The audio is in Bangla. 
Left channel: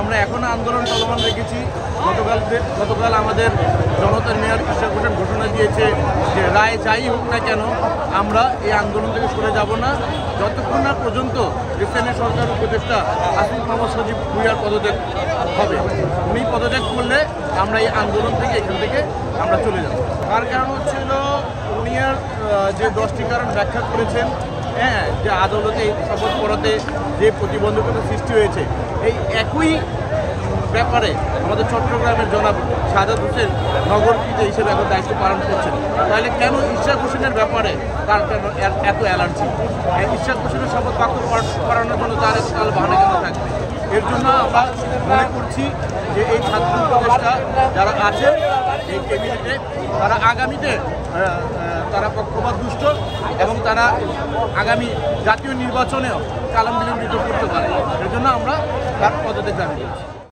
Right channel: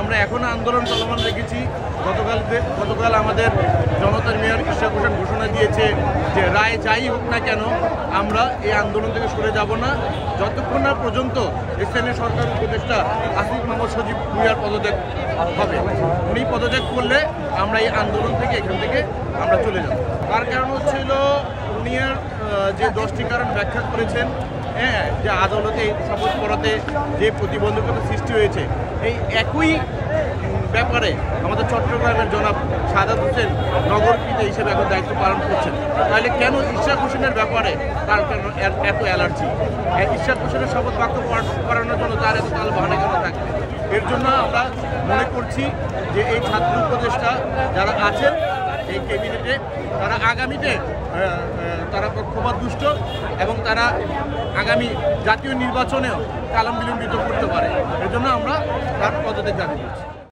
আমরা এখনো আন্দোলন চলমান রেখেছি। গতকাল আমাদের জনতার মেয়র ইশরাক হোসেন ঘোষণা দিয়েছে যে রায় যাই হোক না কেন আমরা এই আন্দোলন থেকে সরে যাব না যতক্ষণ না পর্যন্ত স্থানীয় সরকার উপদেষ্টা আসিফ মাহমুদ সজীব ভুঁইয়ার পদত্যাগ হবে। উনি পদত্যাগ করলে আমরা এই আন্দোলন থেকে এখান থেকে আমরা চলে যাব। তার কারণ হচ্ছিল উনি যে 10টি কারণ ব্যাখ্যা করেছেন, হ্যাঁ, যে আদালতে শপথ পড়াতে যে প্রতিবন্ধকতা সৃষ্টি হয়েছে, এই একই ব্যাপারে আমাদের চট্টগ্রামের জনাব সাদাত হোসেন নগরকৃত হিসেবে এখন দায়িত্ব পালন করছেন। তাহলে কেন ইশরাক হোসেনের ব্যাপারে তার কেন এত অ্যালার্জি? ইশরাক হোসেনের শপথ বাক্য করানোর জন্য তার এত তাল বাহানা কেন থাকবে? এর জন্য আমরা মনে করছি যে এই ছাত্র উপদেষ্টা যারা আছেন এই ক্যাবিনেটে, তারা আগামীতে তারা পক্ষপাত দুষ্ট এবং তারা আগামী জাতীয় নির্বাচনেও কালাম বিলম্বিত করতে পারে। এর জন্য আমরা তার পদত্যাগ দাবি করছি।